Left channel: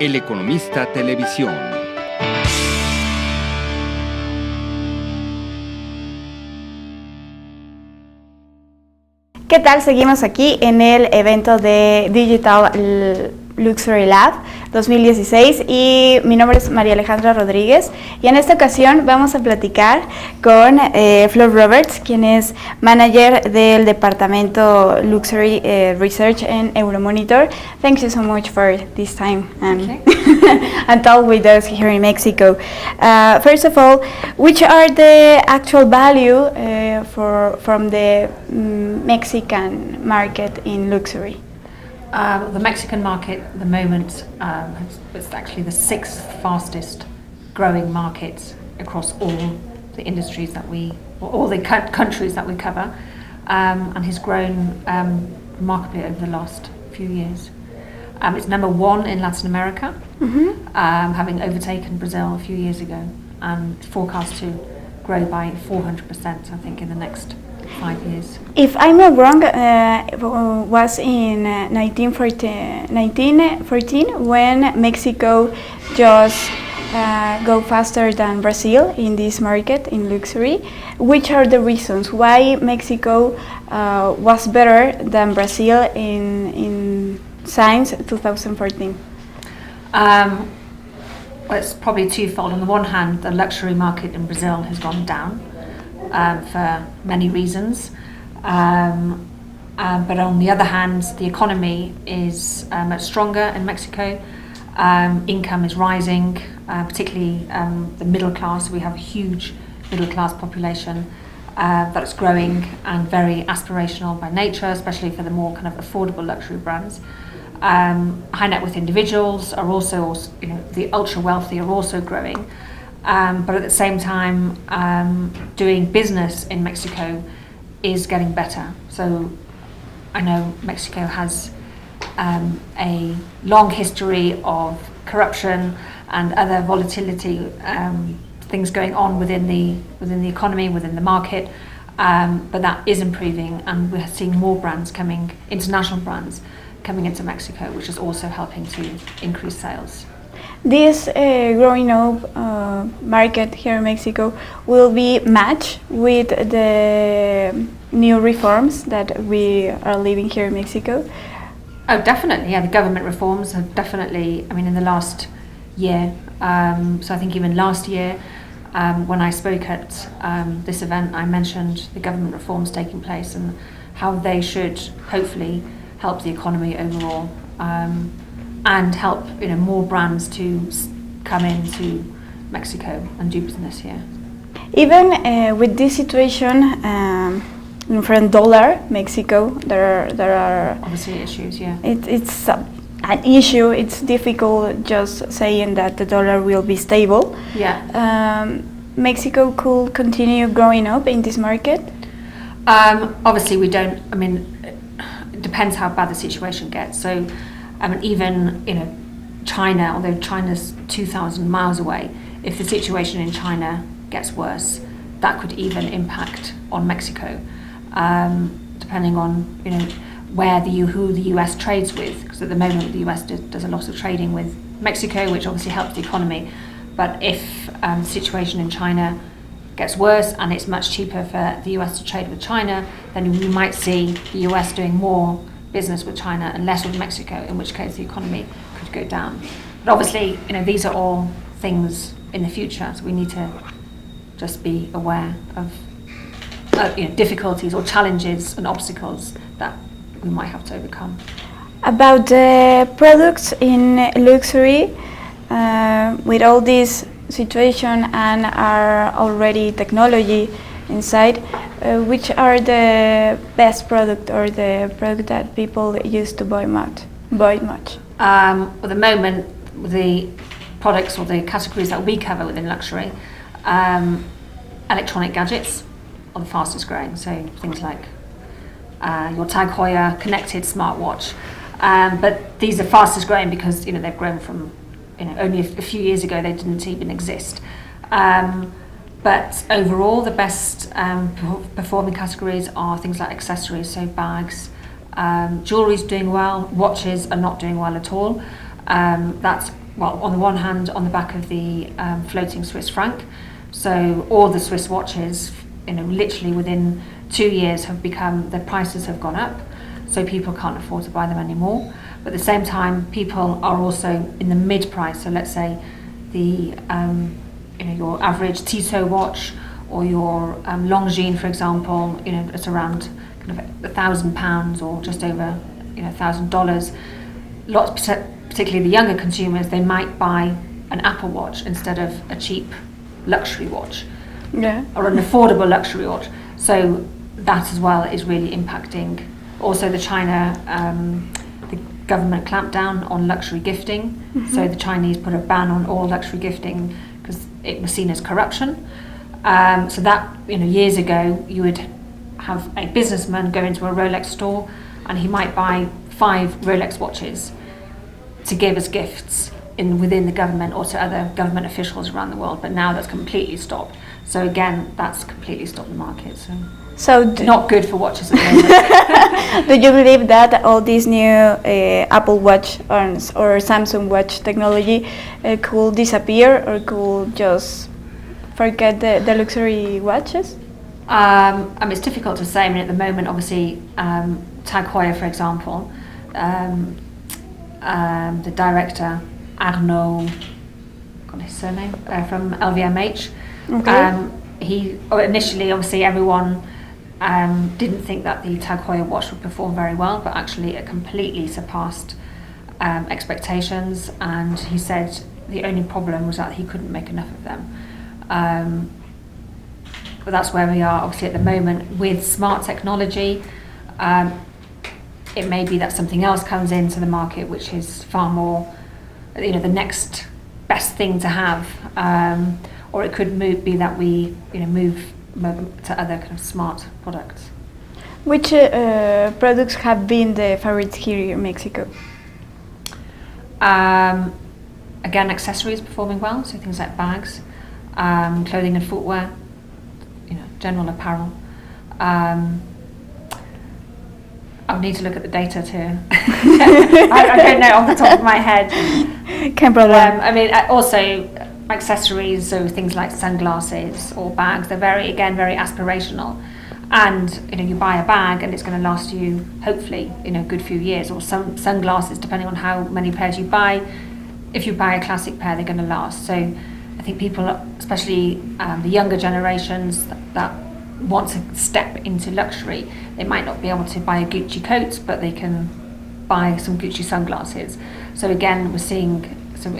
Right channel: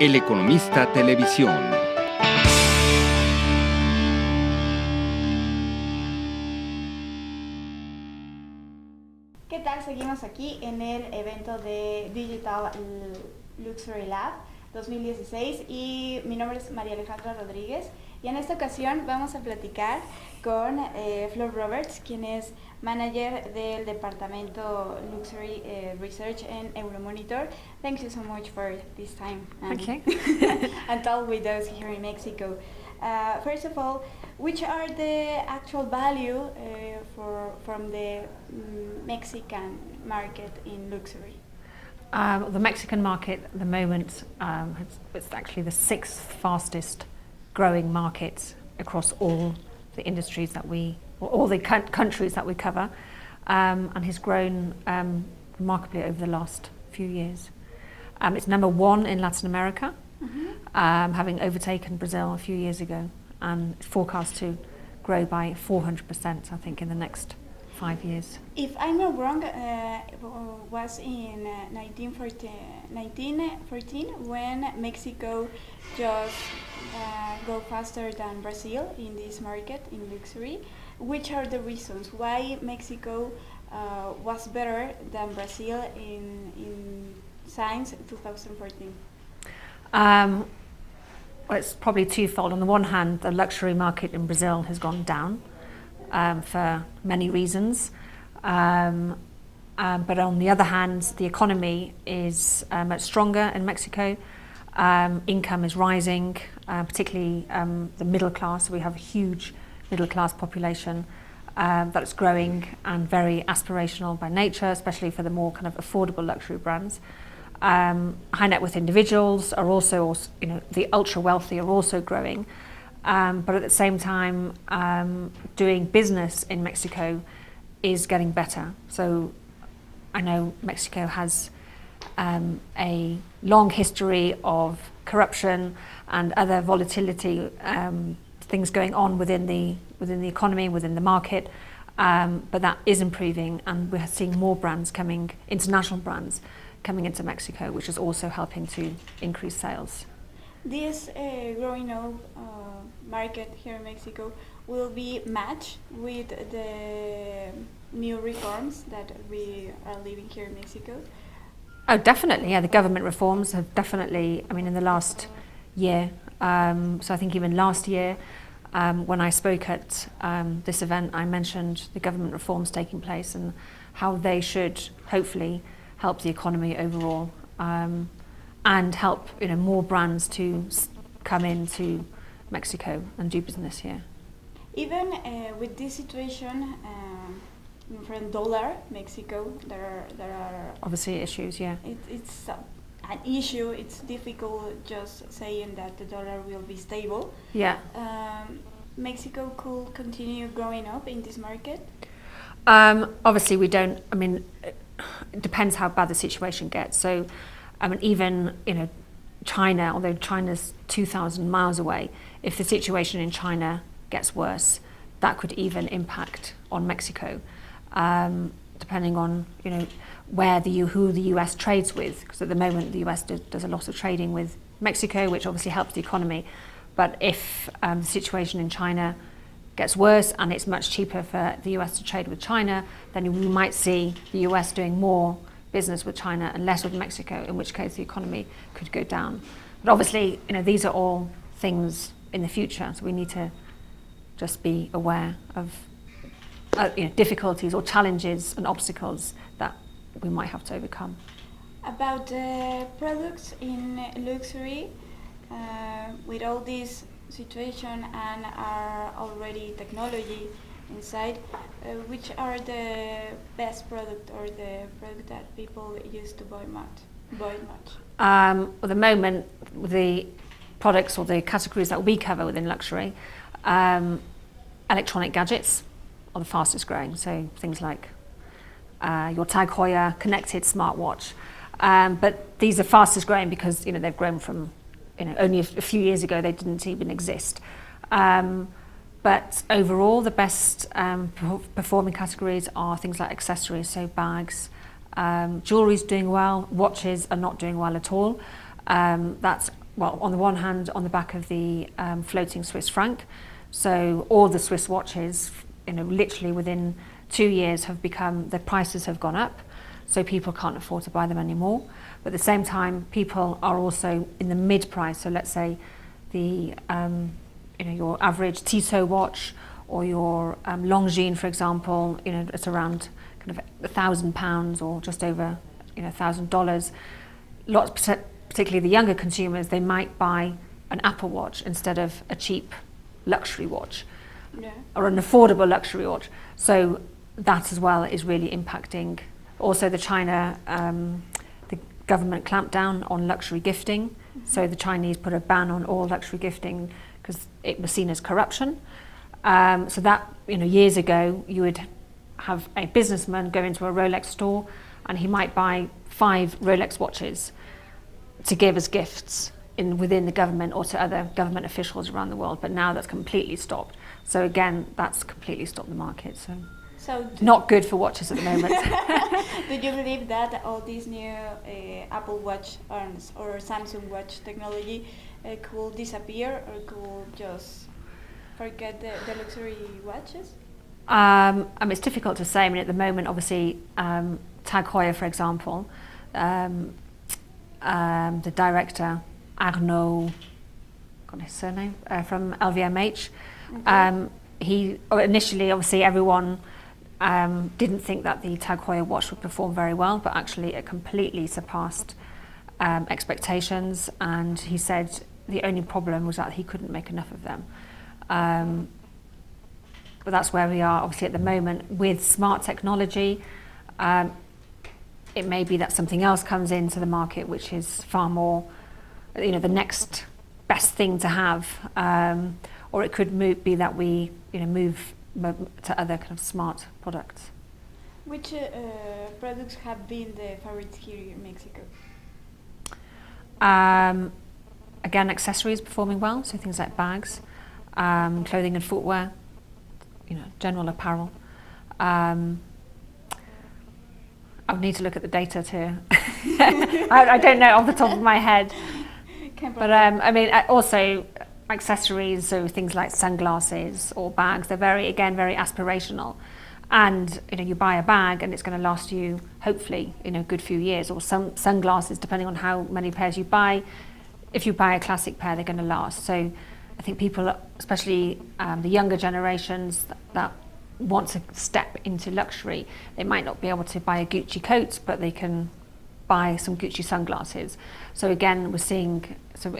El Economista Televisión. ¿Qué tal? Seguimos aquí en el evento de Digital Luxury Lab 2016 y mi nombre es María Alejandra Rodríguez y en esta ocasión vamos a platicar con Flur Roberts, quien es manager del departamento Luxury Research en Euromonitor. Thank you so much for this time and talk with us here in Mexico. First of all, which are the actual value from the Mexican market in luxury? The Mexican market at the moment is actually the sixth fastest growing market across all the industries that all the countries that we cover, and has grown remarkably over the last few years. It's number one in Latin America, having overtaken Brazil a few years ago, and it's forecast to grow by 400%, I think, in the next 5 years. If I'm not wrong, was in 1914 when Mexico just go faster than Brazil in this market in luxury. Which are the reasons why Mexico was better than Brazil in since 2014? Well, it's probably twofold. On the one hand, the luxury market in Brazil has gone down for many reasons, but on the other hand, the economy is much stronger in Mexico. Income is rising, particularly the middle class. We have a huge middle class population that's growing and very aspirational by nature, especially for the more kind of affordable luxury brands. High net worth individuals are also, the ultra wealthy are also growing. But at the same time, doing business in Mexico is getting better. So I know Mexico has a long history of corruption and other volatility, things going on within the economy, within the market, but that is improving, and we're seeing more brands international brands coming into Mexico, which is also helping to increase sales. This growing up market here in Mexico will be matched with the new reforms that we are living here in Mexico? Oh, definitely, yeah. The government reforms have definitely, in the last year, so I think even last year, when I spoke at this event, I mentioned the government reforms taking place and how they should hopefully help the economy overall. And help more brands to come into Mexico and do business here. Even with this situation from dollar Mexico, there are obviously issues. Yeah, it's an issue. It's difficult just saying that the dollar will be stable. Yeah. Mexico could continue growing up in this market. Obviously, we don't. It depends how bad the situation gets. So. Even China, although China's 2,000 miles away, if the situation in China gets worse, that could even impact on Mexico, depending on who the US trades with. Because at the moment the US does a lot of trading with Mexico, which obviously helps the economy. But if the situation in China gets worse and it's much cheaper for the US to trade with China, then we might see the US doing more business with China and less with Mexico, in which case the economy could go down. But obviously, these are all things in the future, so we need to just be aware of difficulties or challenges and obstacles that we might have to overcome. About the products in luxury, with all this situation and our already technology inside, which are the best product or the product that people used to buy much? At the moment, the products or the categories that we cover within luxury, electronic gadgets are the fastest growing. So things like your Tag Heuer connected smartwatch. But these are fastest growing because they've grown from only a few years ago they didn't even exist. But overall, the best performing categories are things like accessories, so bags. Jewellery is doing well, watches are not doing well at all. That's, well, on the one hand, on the back of the floating Swiss franc. So all the Swiss watches, literally within 2 years the prices have gone up. So people can't afford to buy them anymore. But at the same time, people are also in the mid-price. So let's say the your average Tissot watch or your Longines, for example, it's around kind of £1,000 or just over $1,000. Lots, particularly the younger consumers, they might buy an Apple Watch instead of a cheap luxury watch, or an affordable luxury watch. So that as well is really impacting. Also, the government clamped down on luxury gifting. So the Chinese put a ban on all luxury gifting because it was seen as corruption. So that, years ago, you would have a businessman go into a Rolex store and he might buy 5 Rolex watches to give as gifts within the government or to other government officials around the world. But now that's completely stopped. So again, that's completely stopped the market. So not good for watches at the moment. Do you believe that all this new Apple Watch or Samsung Watch technology could disappear or could just forget the luxury watches? It's difficult to say. At the moment, obviously, Tag Heuer, for example, the director, Arnaud, got his surname, from LVMH, he initially, obviously, everyone didn't think that the Tag Heuer watch would perform very well, but actually it completely surpassed expectations, and he said the only problem was that he couldn't make enough of them. But that's where we are obviously at the moment with smart technology. It may be that something else comes into the market which is far more, the next best thing to have, or it could be that we move to other kind of smart products. Which products have been the favorites here in Mexico? Again, accessories performing well, so things like bags, clothing and footwear, general apparel. I'll need to look at the data too. I don't know off the top of my head. Can't problem. Also accessories, so things like sunglasses or bags, they're very aspirational. And you buy a bag and it's going to last you hopefully a good few years, or some sunglasses, depending on how many pairs you buy. If you buy a classic pair, they're going to last. So I think people, especially the younger generations that want to step into luxury, they might not be able to buy a Gucci coat, but they can buy some Gucci sunglasses. So again, we're seeing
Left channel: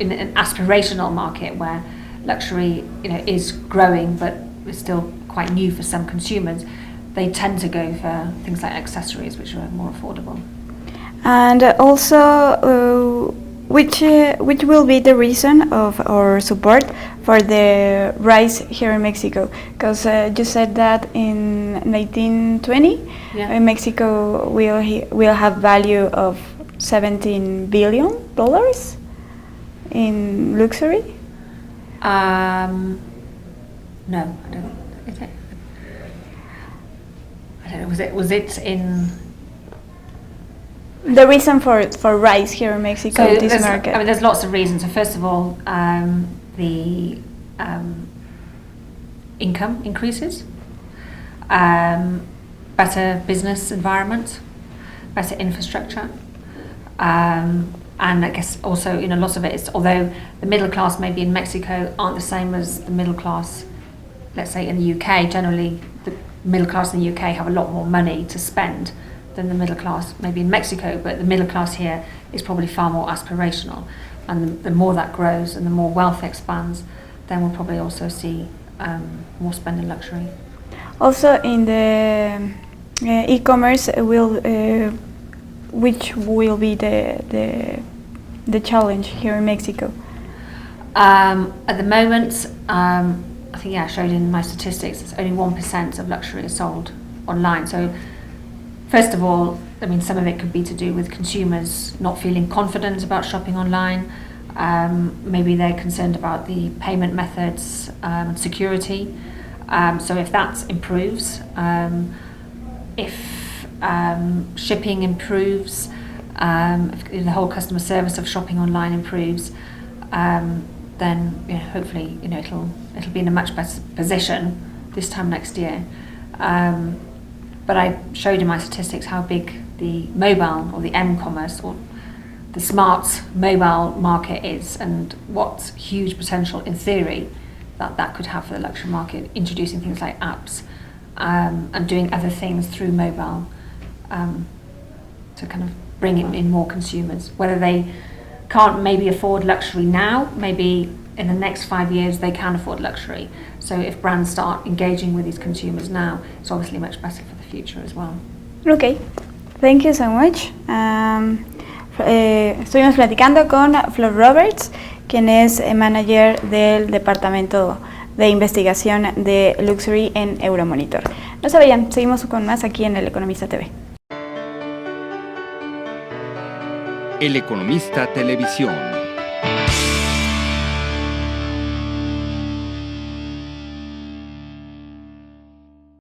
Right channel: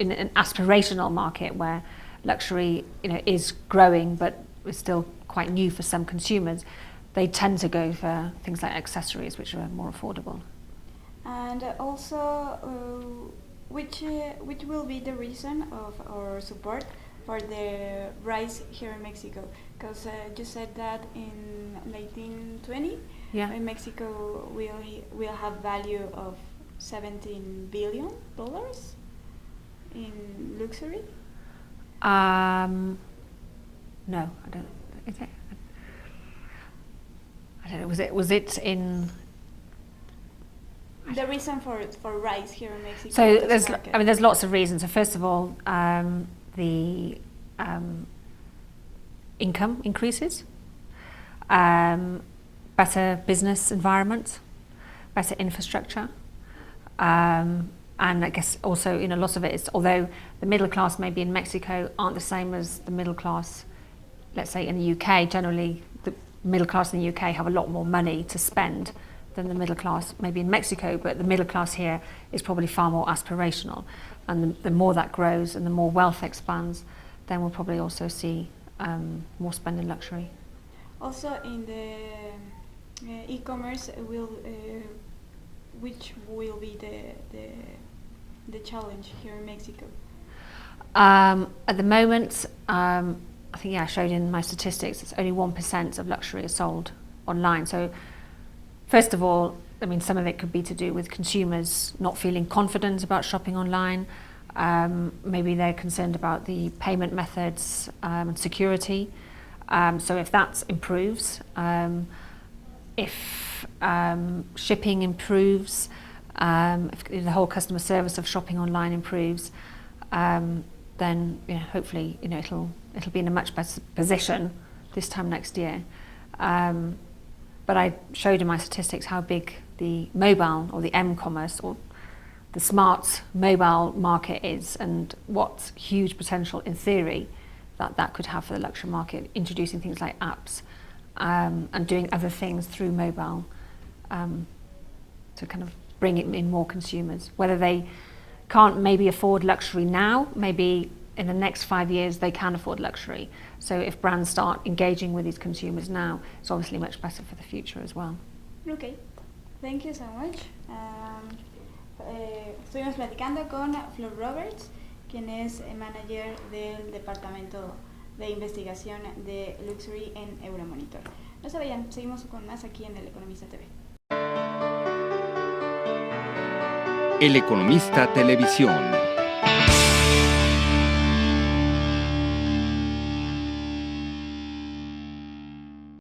in an aspirational market where luxury is growing, but it's still quite new for some consumers. They tend to go for things like accessories, which are more affordable. And also, which will be the reason of our support for the rise here in Mexico? Because you said that in 1920, Mexico will have value of $17 billion in luxury. No, I don't think. Is it? I don't know. Was it in? The reason for rise here in Mexico, So this market. there's lots of reasons. So first of all, the income increases, better business environment, better infrastructure, and I guess also lots of it is, although the middle class maybe in Mexico aren't the same as the middle class, let's say in the UK. Generally, the middle class in the UK have a lot more money to spend than the middle class maybe in Mexico, but the middle class here is probably far more aspirational, and the more that grows and the more wealth expands, then we'll probably also see more spend in luxury. Also in the e-commerce, which will be the challenge here in Mexico? At the moment, I think I showed in my statistics, it's only 1% of luxury is sold online. So first of all, some of it could be to do with consumers not feeling confident about shopping online. Maybe they're concerned about the payment methods and security. So if that improves, if shipping improves, if the whole customer service of shopping online improves, then hopefully it'll be in a much better position this time next year. But I showed in my statistics how big the mobile or the m-commerce or the smart mobile market is, and what huge potential in theory that could have for the luxury market, introducing things like apps and doing other things through mobile to kind of bring in more consumers. Whether they can't maybe afford luxury now, maybe in the next 5 years they can afford luxury. So if brands start engaging with these consumers now, it's obviously much better for the future as well. Okay, thank you so much. Estuvimos platicando con Flur Roberts, quien es manager del departamento de investigación de Luxury en Euromonitor. No se vayan, seguimos con más aquí en El Economista TV. El Economista Televisión.